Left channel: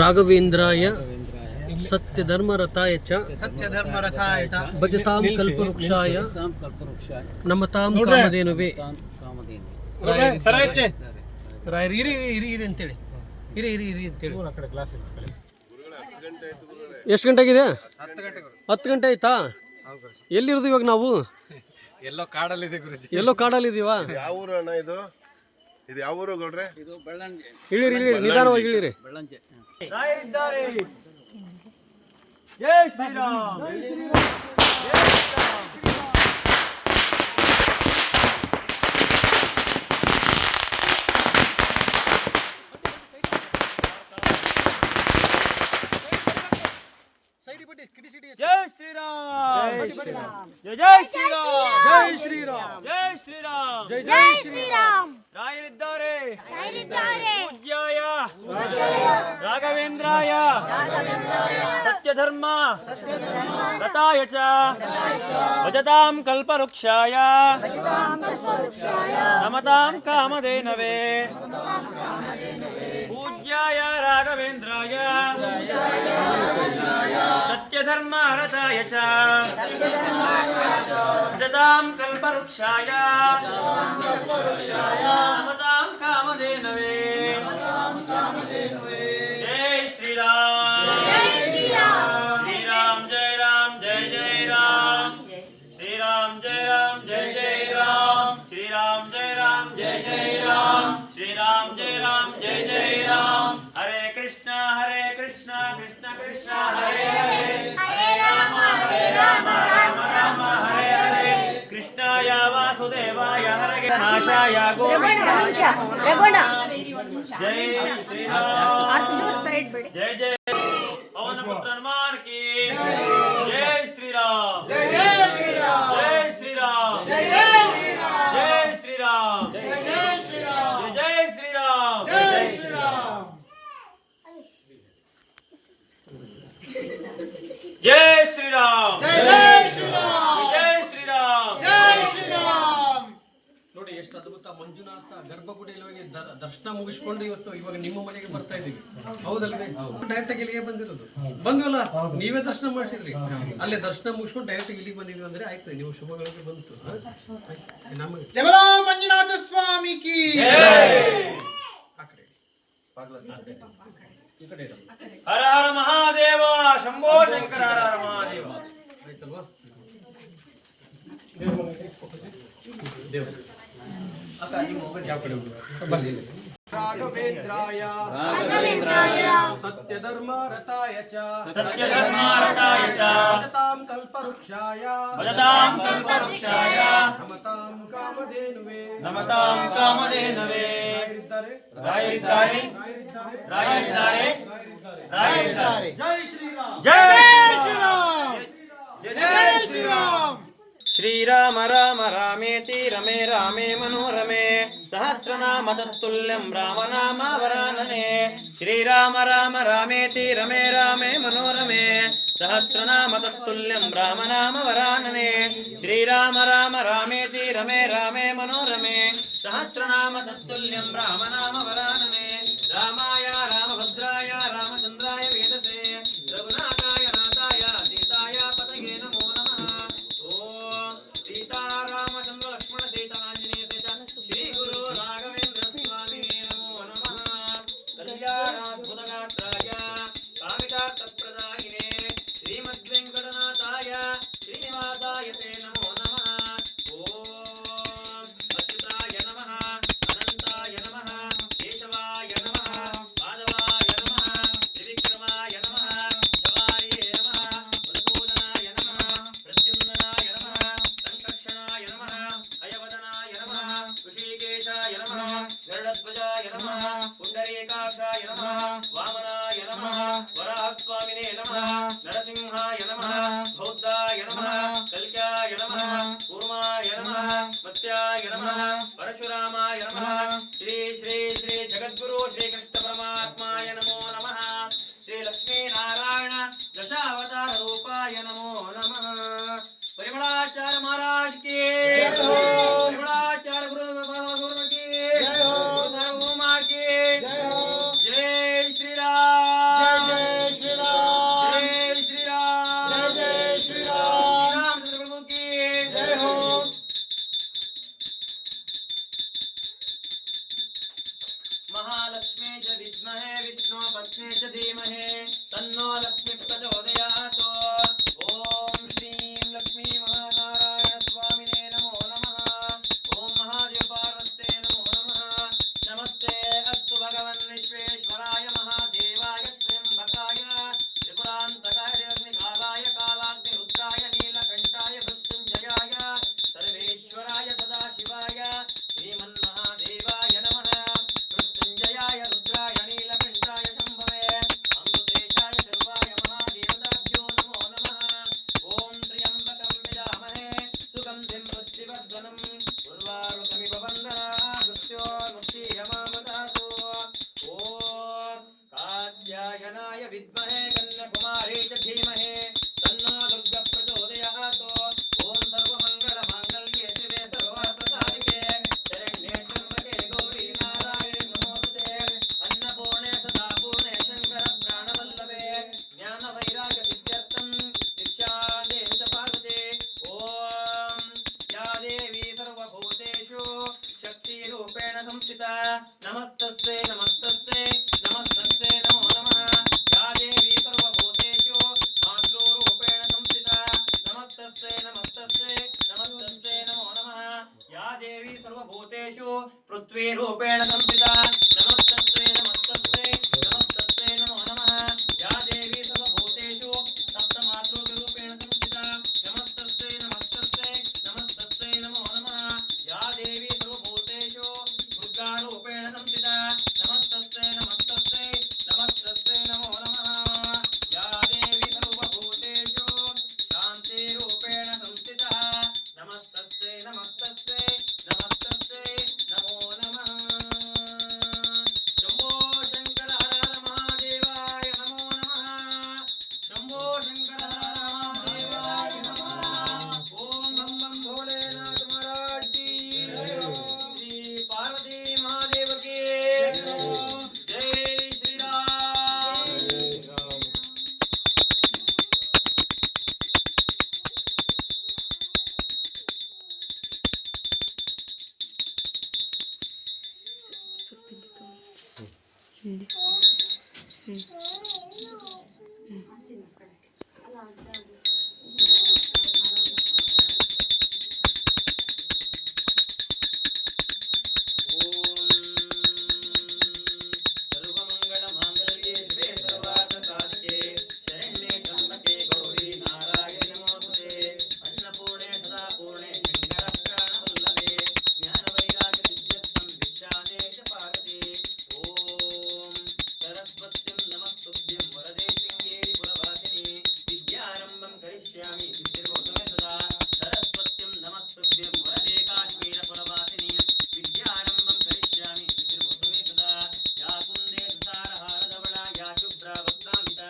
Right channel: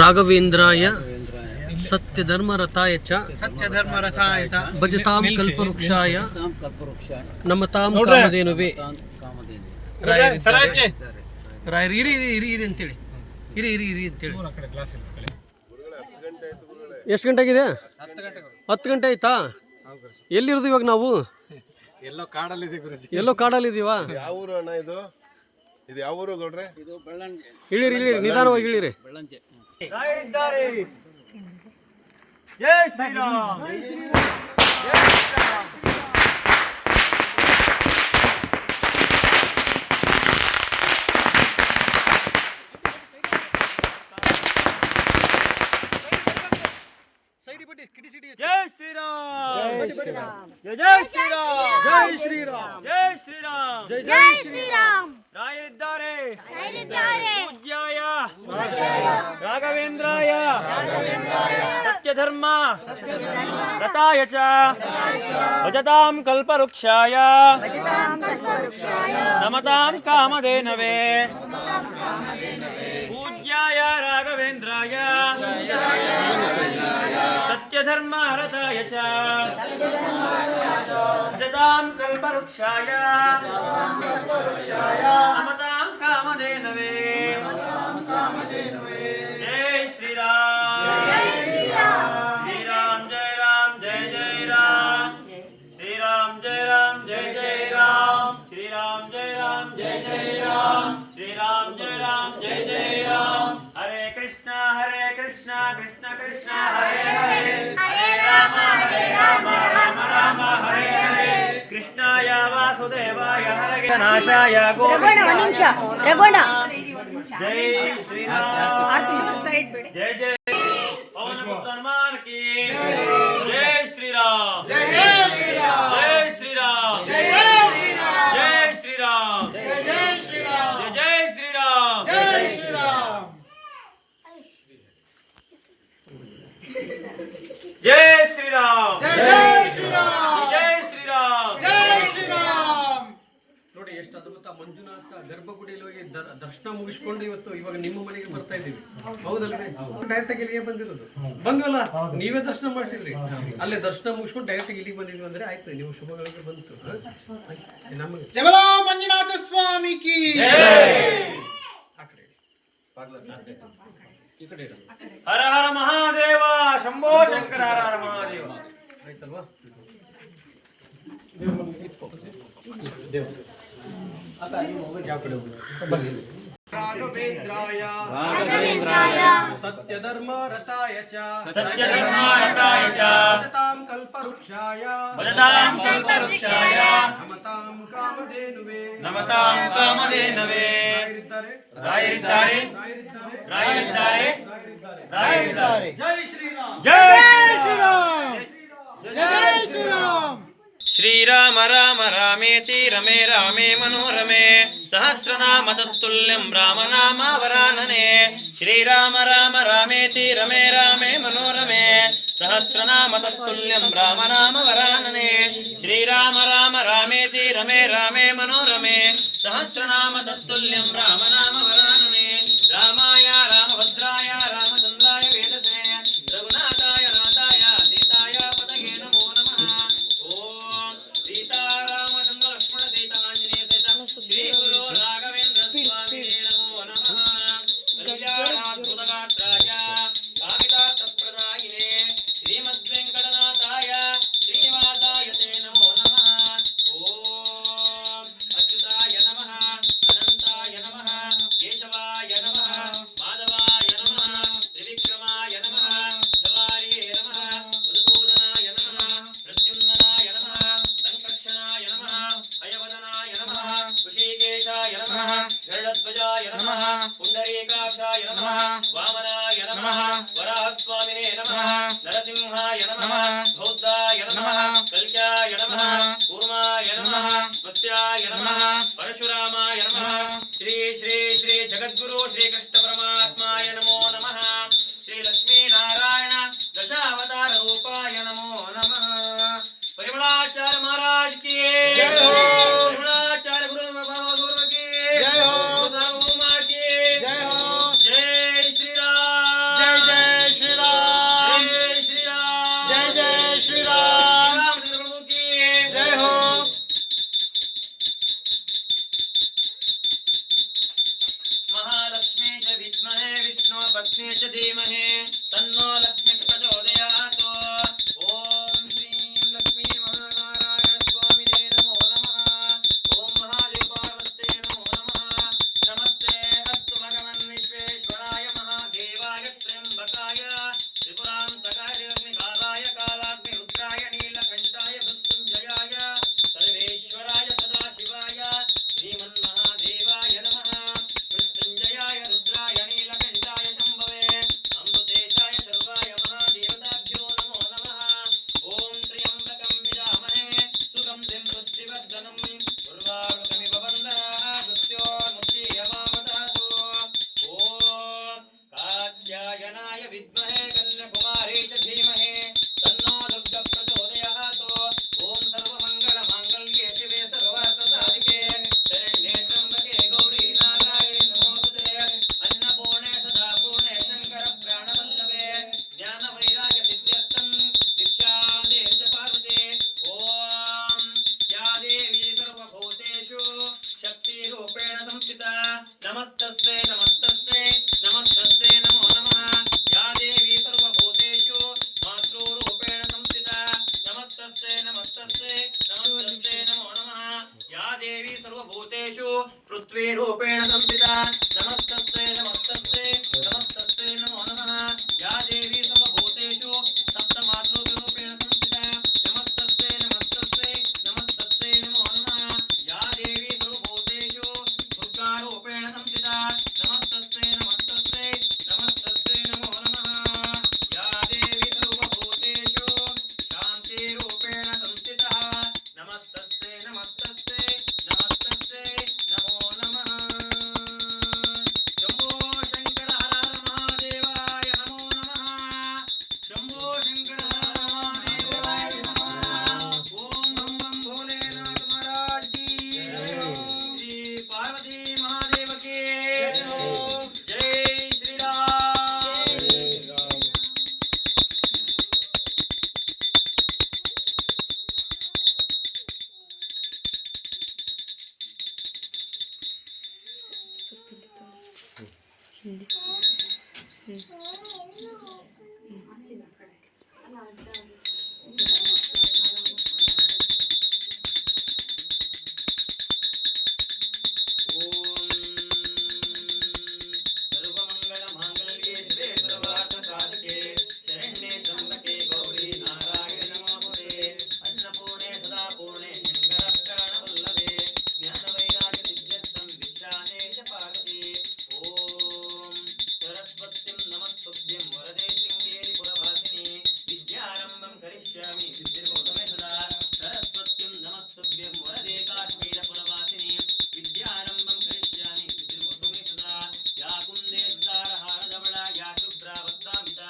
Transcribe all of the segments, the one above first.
ರಾಘವೇಂದ್ರಾಯ ಸತ್ಯಧರ್ಮರಥಾಯ ಚ ಭಜತಾಂ ಕಲ್ಪವೃಕ್ಷಾಯ ನಮತಾಂ ಕಾಮಧೇನುವೆ. ರಾಯರು ಇರಿ ಇರಿ ಇರಿ ಅಂತೇಳಿ, ಇರಿ ಇರಿ ಇರಿ ಅಂತೇಳಿ. ಎಷ್ಟು ಗಂಟೆ ಆಗಿದೆ? 10 ಗಂಟೆ ಆಯ್ತಾ? ಎಲ್ಲಿರೋದು ಇವಾಗ ನಾವು? ಎಲ್ಲೋ ಕಾಡಲ್ಲಿದೆ ಗುರುಜಿ. ಎಲ್ಲೋ ಕಾಡಲ್ಲಿದ್ದೀವಾ? ಯಾವ ಊರು ಅಣ್ಣ ಇದು? ಇದು ಯಾವ ಊರು ಗೌಡ್ರೆ? ಇದು ಬೆಳ್ಳಂಜೆ. ಇಳಿರಿ ಇಳಿರಿ, ನಿಧಾನವಾಗಿ ಇಳಿರಿ. ಬೆಳ್ಳಂಜೆ. ಜೈ ಶ್ರೀರಾಮ್. ಜೈ ಶ್ರೀರಾಮ್, ಜೈ ಜೈ ಶ್ರೀರಾಮ್, ಜೈ ಶ್ರೀರಾಮ್, ಜೈ ಶ್ರೀರಾಮ್, ಜೈ ಜೈ ಶ್ರೀರಾಮ್. ರಾಯರಿದ್ದಾರೆ ಪೂಜ್ಯಾಯ ರಾಘವೇಂದ್ರಾಯ ಸತ್ಯಧರ್ಮ ರಥಾಯ ಚ ಭಜತಾಂ ಕಲ್ಪವೃಕ್ಷಾಯ ನಮತಾಂ ಕಾಮಧೇನವೇ. ಪೂಜ್ಯಾಯ ರಾಘವೇಂದ್ರಾಯ ಸತ್ಯಧರ್ಮ ರಥಾಯ ಚ ಭಜತಾಂ ಕಲ್ಪವೃಕ್ಷಾಯ ನಮತಾಂ ಕಾಮಧೇನವೇ. ಜೈ ಶ್ರೀರಾಮ್, ಶ್ರೀರಾಮ್ ಜಯ ರಾಮ್, ಜಯ ಜಯ ರಾಮ್, ಶ್ರೀರಾಮ್ ಜಯ ರಾಮ್, ಜಯ ಜಯ ರಾಮ್, ಶ್ರೀರಾಮ್ ಜಯ ರಾಮ್, ಜಯ ಜಯ ರಾಮ್, ಶ್ರೀರಾಮ್ ಜಯ ರಾಮ್, ಜಯ ಜಯ ರಾಮ್. ಹರೇ ಕೃಷ್ಣ ಕೃಷ್ಣ ಕೃಷ್ಣ ಹರೇ ಹರೇ, ಹರೇ ರಾಮ ರಾಮ ರಾಮ ಹರೇ ಹರೇ. ಕೃಷ್ಣಾಯ ವಾಸುದೇವಾಯ ಹರೇ ನಾಶಾಯ ಗೋವಿಂದಾಯ. ಜೈ ಶ್ರೀರಾಮ್, ಜಯ ಜಯ ಪವನ ಪುತ್ರ ಹನುಮಾನ್ ಕಿ ಜೈ ಶ್ರೀರಾಮ್, ಜೈ ಶ್ರೀರಾಮ್, ಜೈ ಶ್ರೀರಾಮ್, ಜೈ ಶ್ರೀರಾಮ್, ಜೈ ಶ್ರೀರಾಮ್, ಜೈ ಶ್ರೀರಾಮ್, ಜೈ ಶ್ರೀರಾಮ್, ಜೈ ಶ್ರೀರಾಮ್, ಜೈ ಶ್ರೀರಾಮ್, ಜೈ ಶ್ರೀರಾಮ್, ಜೈ ಶ್ರೀರಾಮ್, ಜೈ ಶ್ರೀರಾಮ್. ನೋಡಿ ಎಷ್ಟು ಅದ್ಭುತ. ಮಂಜುನಾಥ ಗರ್ಭಗುಡಿಯಲ್ಲಿ ಹೋಗಿ ದರ್ಶನ ಮುಗಿಸ್ಕೊಂಡು ಇವಾಗ ನಿಮ್ಮ ಮನೆಗೆ ಬರ್ತಾ ಇದ್ದೀವಿ, ಹೌದಲ್ವೇ? ಡೈರೆಕ್ಟ್ ಆಗಿ ಇಲ್ಲಿಗೆ ಬಂದಿರೋದು. ಬಂದ್ವಲ್ಲ, ನೀವೇ ದರ್ಶನ ಮಾಡಿಸಿದ್ರಿ. ಅಲ್ಲೇ ದರ್ಶನ ಮುಗಿಸ್ಕೊಂಡು ಡೈರೆಕ್ಟ್ ಆಗಿ ಇಲ್ಲಿಗೆ ಬಂದಿದ್ವಿ ಅಂದ್ರೆ ಆಯ್ತು, ನೀವು ಶುಭಗಳಿಗೆ ಬಂತು. ನಮಗೆ ಜಮಲಾ ಮಂಜುನಾಥ ಸ್ವಾಮಿ ಕಿ ಆ ಕಡೆ ಈ ಕಡೆ ಹರ ಹರ ಮಹಾದೇವ ಶಂಭೋ ಶಂಕರ ಹರ ಹರ ಮಹಾದೇವ. ಆಯ್ತಲ್ವಾ? ಯಾವ ಕಡೆ ರಾಘವೇಂದ್ರಾಯ ಸತ್ಯಧರ್ಮ ರಥಾಯ ಚ ಭಜತಾಂ ಕಲ್ಪವೃಕ್ಷಾಯ ನಮತಾಂ ಕಾಮಧೇನುವೆ. ರಾಯರಿದ್ದಾರೆ ಜೈ ಶ್ರೀರಾಮ್, ಜೈ ಶ್ರೀರಾಮ್, ಜೈ ಶ್ರೀರಾಮ್. ಶ್ರೀರಾಮ ರಾಮ ರಾಮೇತಿ ರಮೇ ರಾಮೇ ಮನೋರಮೆ ಸಹಸ್ರನಾಮ ತತ್ತುಲ್ಯಂ ರಾಮನಾಮ ವರಾನನೆ. ಶ್ರೀರಾಮ ರಾಮ ರಾಮೇತಿ ರಮೇ ರಾಮೇ ಮನೋರಮೆ ಸಹಸ್ರನಾಮ ತತ್ತುಲ್ಯಂ ರಾಮನಾಮ ವರಾನನೆ. ಶ್ರೀರಾಮ ರಾಮ ರಾಮೇತಿ ರಮೇ ರಾಮೇ ಮನೋರಮೆ ಸಹಸ್ರನಾಮ ತತ್ತುಲ್ಯಂ ರಾಮನಾಮ ವರಾನನೆ. ರಾಮಾಯ ರಾಮಭದ್ರಾಯ ರಾಮಚಂದ್ರಾಯ ವೇದಸೆ ರಘುನಾಥಾಯ ನಾಥಾಯ ಸೀತಾಯ ಪದಯೇ ನಮೋ ನಮಃ. ಓಂ ಸೀತಾರಾಮಚಂದ್ರ ಲಕ್ಷ್ಮಣ ಸಹಿತ ಆಂಜನೇಯ ಸಹಿತ ಶ್ರೀ ಗುರು ರಾಘವೇಂದ್ರ ಸ್ವಾಮಿ ನಮೋ ನಮಃ. ಕಲ್ಯಾಣಾದ್ಭುತಗಾತ್ರಾಯ ಕಾಮಿತಾರ್ಥಪ್ರದಾಯಿನೇ ಶ್ರೀಮದ್ವೆಂಕಟನಾಥಾಯ ಶ್ರೀನಿವಾಸಾಯ ತೇ ನಮೋ ನಮಃ. ಓಂ ಅಚ್ಯುತಾಯ ನಮಃ, ಅನಂತಾಯ ನಮಃ, ಕೇಶವಾಯ ನಮಃ, ಮಾಧವಾಯ ನಮಃ, ತ್ರಿವಿಕ್ರಮಾಯ ನಮಃ, ಜವಾರಿಯೇ ನಮಃ, ಮಧುಸೂದನಾಯ ನಮಃ, ಪ್ರದ್ಯುಮ್ನಾಯ ನಮಃ, ಸಂಕರ್ಷಣಾಯ ನಮಃ, ಅಯವದನಾಯ ನಮಃ, ಋಷಿಕೇಶಾಯ ನಮಃ, ಗರುಡಧ್ವಜಾಯ ನಮಃ, ಪುಂಡರೀಕಾಕ್ಷಾಯ ನಮಃ, ವಾಮನಾಯ ನಮಃ, ವರಾಹಸ್ವಾಮಿನೇ ನಮಃ, ನರಸಿಂಹಾಯ ನಮಃ, ಬೌದ್ಧಾಯ ನಮಃ, ಕಲ್ಕ್ಯಾಯ ನಮಃ, ಕೂರ್ಮಾಯ ನಮಃ, ಮತ್ಸ್ಯಾಯ ನಮಃ, ಪರಶುರಾಮಾಯ ನಮಃ. ಶ್ರೀ ಶ್ರೀ ಶ್ರೀ ಜಗದ್ಗುರು ಶ್ರೀಕೃಷ್ಣ ಪರಮಾತ್ಮಾಯ ನಮೋ ನಮಃ. ಶ್ರೀ ಲಕ್ಷ್ಮೀನಾರಾಯಣ ದಶಾವತಾರ ರೂಪಾಯ ನಮೋ ನಮಃ. ಪರಿಮಳಾಚಾರ್ಯ ಮಹಾರಾಜ್ ಕಿ, ಪರಿಮಳಾಚಾರ್ಯ ಗುರು ಬಾಬಾ ಗುರು ಕಿ, ಗುರು ಸಾರ್ವಭೌಮ ಕಿ, ಜೈ ಶ್ರೀರಾಮ್. तस्मै च धीमहि तन्नो लक्ष्मी प्रचोदयात्। ओम श्रीं लक्ष्मी महानारायण स्वामिने नमो नमः। ओम महादेव पार्वते नमो नमः। नमस्ते अस्तु भगवन् विश्वेश्वराय महादेवाय त्र्यंबकाय त्रिपुरान्तकाय अग्निकालाय कालाग्निरुद्राय नीलकण्ठाय मृत्युञ्जयाय सर्वेश्वराय सदाशिवाय श्रीमन्महादेवाय नमः। मृत्युञ्जयाय रुद्राय नीलकण्ठाय शम्भवे अमृतेशाय सर्वाय महादेवताभ्यो नमो नमः। ओम त्र्यम्बकं यजामहे सुगन्धिं पुष्टिवर्धनम् उर्वारुकमिव वन्दनात् मृत्योर्मुक्षीयमामदातु। ओम कात्यायनाय विद्महे कन्याकुमारी च धीमहि तन्नो दुर्गः प्रचोदयात्। ओम सर्वमङ्गलमाङ्गल्ये शिवे सर्वार्थसाधिके शरण्ये त्र्यम्बके गौरी नारायणि नमोस्तुते। अन्नपूर्णे सदा पूर्णे शङ्कर प्राणवल्लभे ज्ञानवैराग्य सिद्ध्यर्थं दीक्षां देहि च पार्वती। ओम या देवी सर्वभूतेषु शक्तिरूपेण संस्थिता नमस्तस्यै नमस्तस्यै नमस्तस्यै नमो नमः। या देवी सर्वभूतेषु मातृरूपेण संस्थिता नमस्तस्यै नमस्तस्यै नमस्तस्यै नमो नमः। या देवी सर्वभूतेषु पृथ्वीरूपेण संस्थिता नमस्तस्यै नमस्तस्यै नमस्तस्यै नमो नमः। या देवी सर्वभूतेषु सप्तमातृरूपेण संस्थिता नमस्तस्यै नमस्तस्यै नमस्तस्यै नमो नमः। या देवी सर्वभूतेषु दुर्गारूपेण संस्थिता नमस्तस्यै नमस्तस्यै नमस्तस्यै नमो नमः। या देवी सर्वभूतेषु शान्तिरूपेण संस्थितः नमस्तस्यै नमस्तस्यै नमस्तस्यै नमो नमः। शम्भो शङ्कर हर हर महादेवाय नमो नमः। शम्भो शङ्कर हर हर महादेवाय नमः। ओम बम बम भोलेनाथ महाराज की जय। श्री पार्वती महादेव की जय। श्री राम। सर्वमङ्गलमाङ्गल्ये शिवे सर्वार्थसाधिके शरण्ये त्र्यम्बके गौरी नारायणि नमोस्तुते। अन्नपूर्णे सदा पूर्णे शङ्कर प्राणवल्लभे ज्ञानवैराग्यसिद्ध्यर्थं दीक्षां देहि च पार्वती। ओम सरस्वतीं नमस्तुभ्यं वरदे शृङ्गेरि पुरवासिनि विद्यारम्भं करिष्यामि सिद्धिर्भवतु मे सदा। सरस्वतीं नमस्तुभ्यं वरदे काश्मीरपुरवासिनि विद्यारम्भं करिष्यामि सिद्धिर्भवतु मे सदा। या कुन्दे सुतारहारधवला या शुभ्रावस्त्रामिता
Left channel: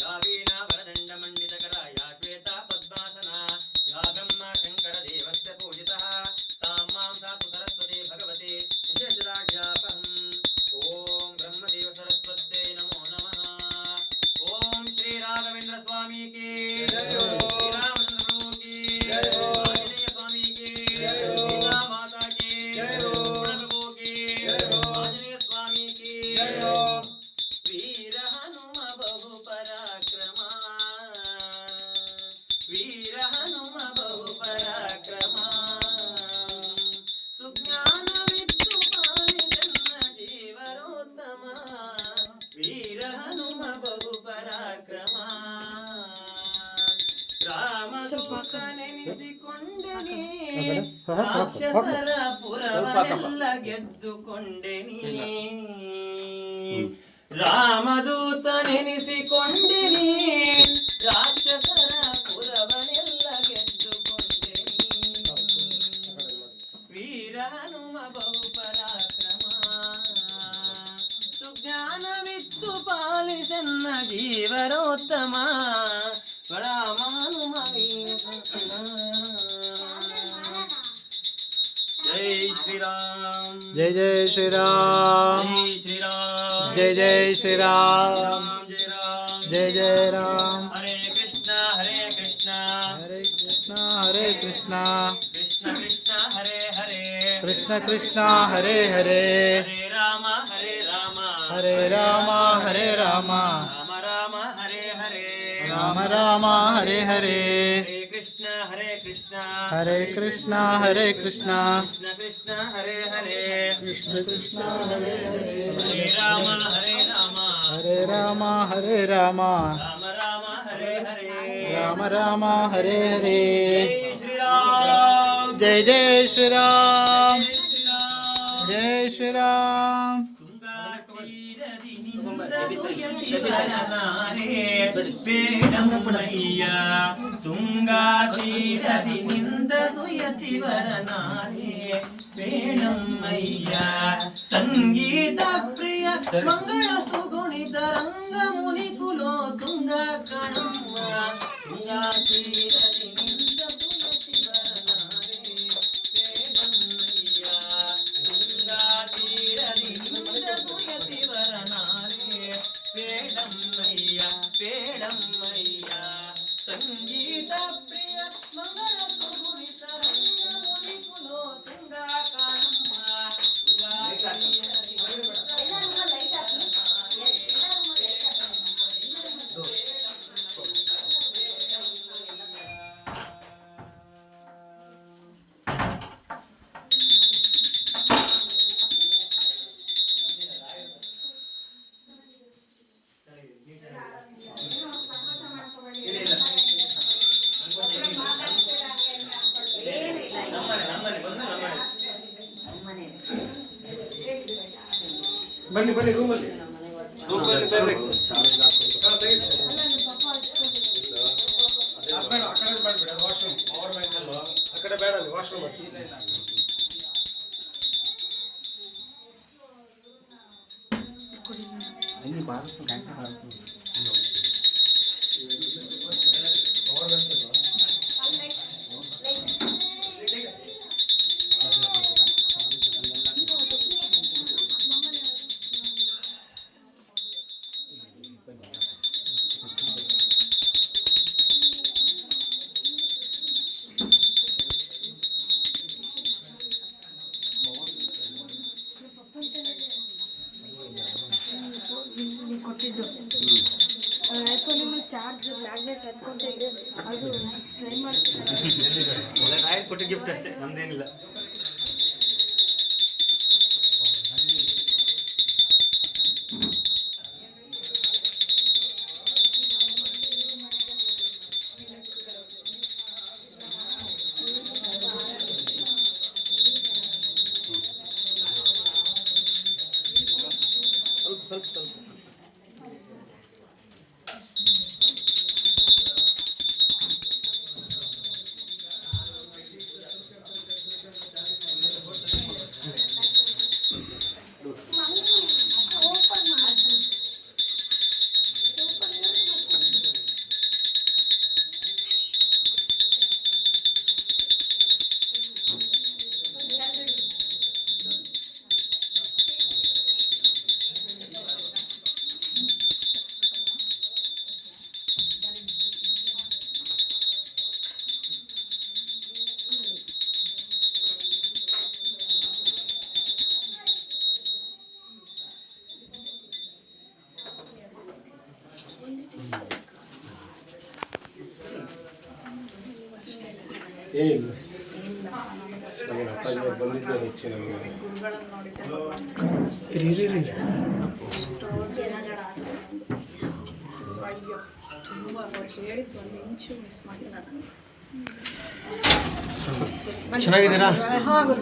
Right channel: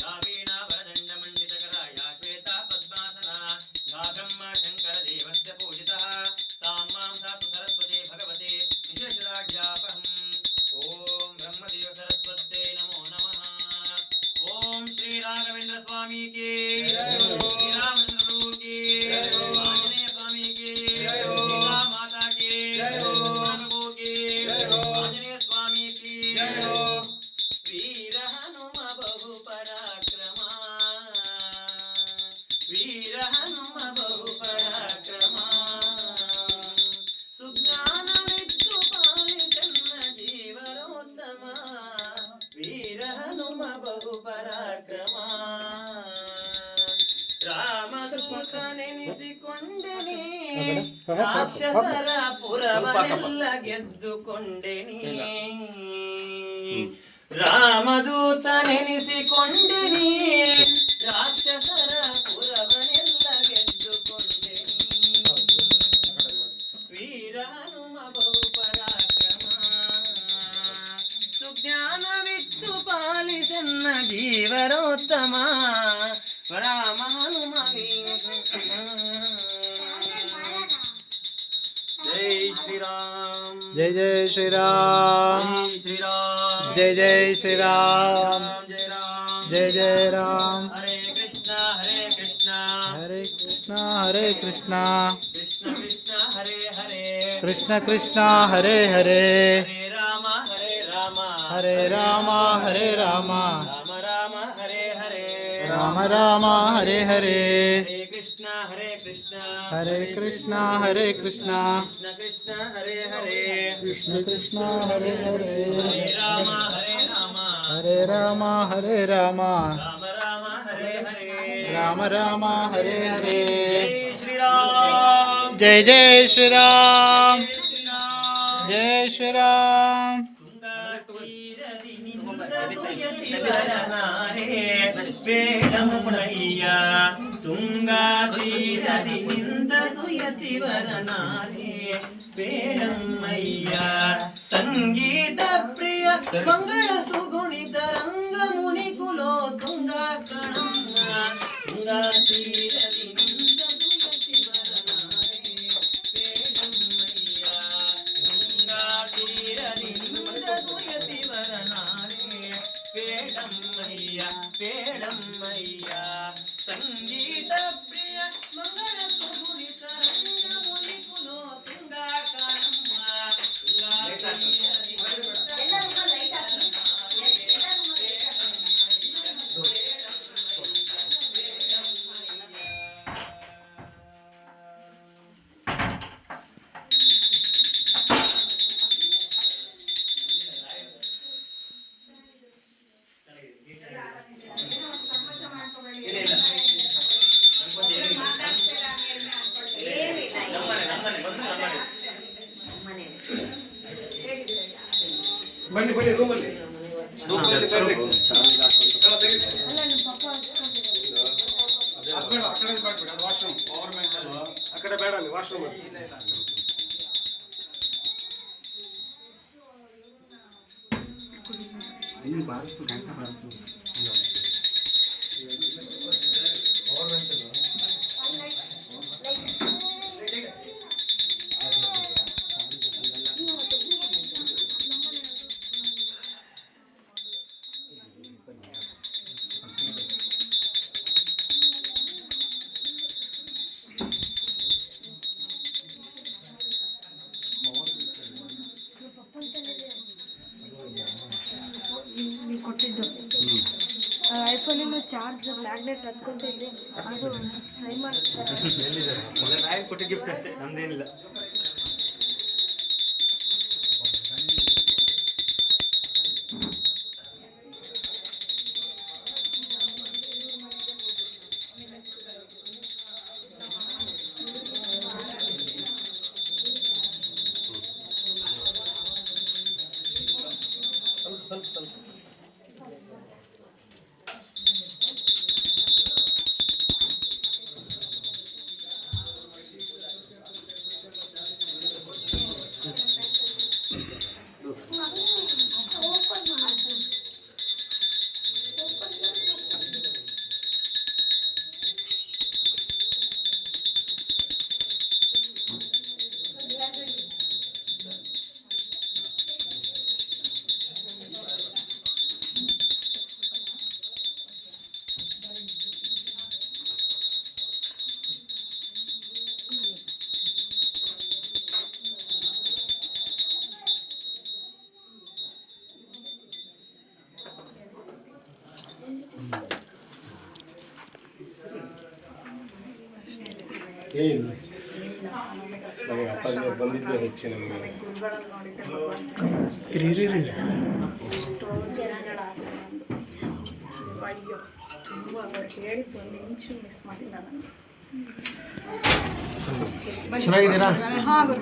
या वीणावरदण्डमण्डितकरा या श्वेता पद्मासना या ब्रह्मशङ्करदेवस्य पूजितः तां मां सातु सरस्वती भगवते विशेषराज्यापहम्। ओम ब्रह्मदेव सरस्वत्यै नमो नमः। ओम श्री राघवेंद्र स्वामी की जय। श्री रामचंद्र प्रभु की जय। आंजनेय स्वामी की जय। सीता माता की जय। प्रभु की जय। आंजनेय स्वामी की जय। वीर हनुम बहु पराक्रमा वीर हनुम बहु पराक्रमा सुज्ञान विद्यु पालिजन्म जीवरोत्तम वीर हनुम बहु पराक्रमा ರಾಮದೂತನೆನಿಸಿಕೊಂಡೆನಿ ರಾಕ್ಷಸರ ಪುರವನೆಲ್ಲ ಗೆದ್ದುಕೊಂಡೆನಿ ರಾಮದೂತನೆನಿಸಿಕೊಂಡೆನಿ ರಾಕ್ಷಸರ ಪುರವನೆಲ್ಲ ಗೆದ್ದುಕೊಂಡೆನಿ ವೀರ ಹನುಮ ಬಹು ಪರಾಕ್ರಮ ಸುಜ್ಞಾನವಿತ್ತು ಪಾಲಿಸನ್ನ ಜೀವರೋತ್ತಮ ರಾಮ ಹನುಮ जय श्री राम जय जय श्री राम जय श्री राम जय जय श्री राम जय जय जय राम हरे कृष्णा हरे कृष्णा हरे कृष्णा कृष्ण कृष्ण हरे हरे कृष्ण कृष्ण हरे हरे हरे राम ಹರೇ ರಾಮ ಹರೇ ರಾಮ ರಾಮ ರಾಮ ಹರೇ ಹರೇ ರಾಮ ರಾಮ ಹರೇ ಹರೇ ಹರೇ ಕೃಷ್ಣ ಹರೇ ಕೃಷ್ಣ ಹರೇ ಕೃಷ್ಣ ಹರೇ ಕೃಷ್ಣ ಕೃಷ್ಣ ಕೃಷ್ಣ ಹರೇ ಹರೇ ಕೃಷ್ಣ ಕೃಷ್ಣ ಹರೇ ಹರೇ ಹರೇ ರಾಮ ಹರೇ ರಾಮ ಹರೇ ರಾಮ ಹರೇ ರಾಮ ರಾಮ ರಾಮ ಹರೇ ಹರೇ ರಾಮ ರಾಮ ಹರೇ ಹರೇ ಜೈ ಶ್ರೀರಾಮ್ ಜೈ ಜೈ ಶ್ರೀರಾಮ್ ಶ್ರೀರಾಮ್ ಜೈ ಶ್ರೀರಾಮ್ ತುಂಗಾ ತೀರದಿನಿಂದ ಸುಯತಿ ವರನಾರೇ ಬೇಡಮ್ಮಯ್ಯ ಸಂಗೀತ ಪ್ರಿಯ ಮಂಗಳ ಸುಗುಣಿತ ರಂಗ ಮುನಿ ಕುಲೋ ತುಂಗ ಕಣಮ್ಮ ತುಂಗಾ ತೀರದಿನಿಂದ ಸುಯತಿ ವರನಾರೇ ಬೇಡಮ್ಮಯ್ಯ ತುಂಗಾ ತೀರದಿನಿಂದ ಸುಯತಿ ವರನಾರೇ ಬೇಡಮ್ಮಯ್ಯ ಬೇಡಮ್ಮಯ್ಯ ಸಂಗೀತ ಪ್ರಿಯ ಮಂಗಳ ಸುಗುಣಿತ ರಂಗ ಮುನಿ ಕುಲೋ ತುಂಗ ಕಣಮ್ಮ ತುಂಗಾ ಬನ್ನಿ ಬನ್ನಿ ರೂಮಲ್ಲಿ ಆ ಕಡೆ ಬೇಡ ಅಲ್ಲಿ ವಾಶ್ರೂಮ್ ಐಫೋನಿನ ಚಾರ್ಜ್ ಮ್ಯಾಗ್ನೆಟ್ ಹತ್ಕೊಂತ ಇದೆ ಅದು ಟ್ರೈ ಮಾಡ್ತಾರೆ ನಾಯಿ ಕೊಟ್ಟ ಗಿಫ್ಟ್ ಅಷ್ಟೇ ನಮ್ದೇನಿಲ್ಲ ಏನಿಲ್ಲ ನಮ್ಮ ಅಪ್ಪಾಜಿ ಬಂದಿದ್ದು ಹೆಚ್ಚು ನಮಗೆ ಚೆನ್ನಾಗಿದ್ದೀರಾ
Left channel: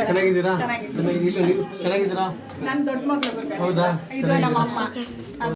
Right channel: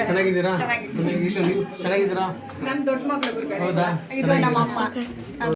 ಚೆನ್ನಾಗಿದ್ದೀರಾ ಚೆನ್ನಾಗಿ ಇಲ್ಲ ನೀವು ಚೆನ್ನಾಗಿದ್ದೀರಾ ನನ್ನ ದೊಡ್ಡ ಮಗಳು ಹೌದಾ ಇದು ನಮ್ಮ ಅಮ್ಮ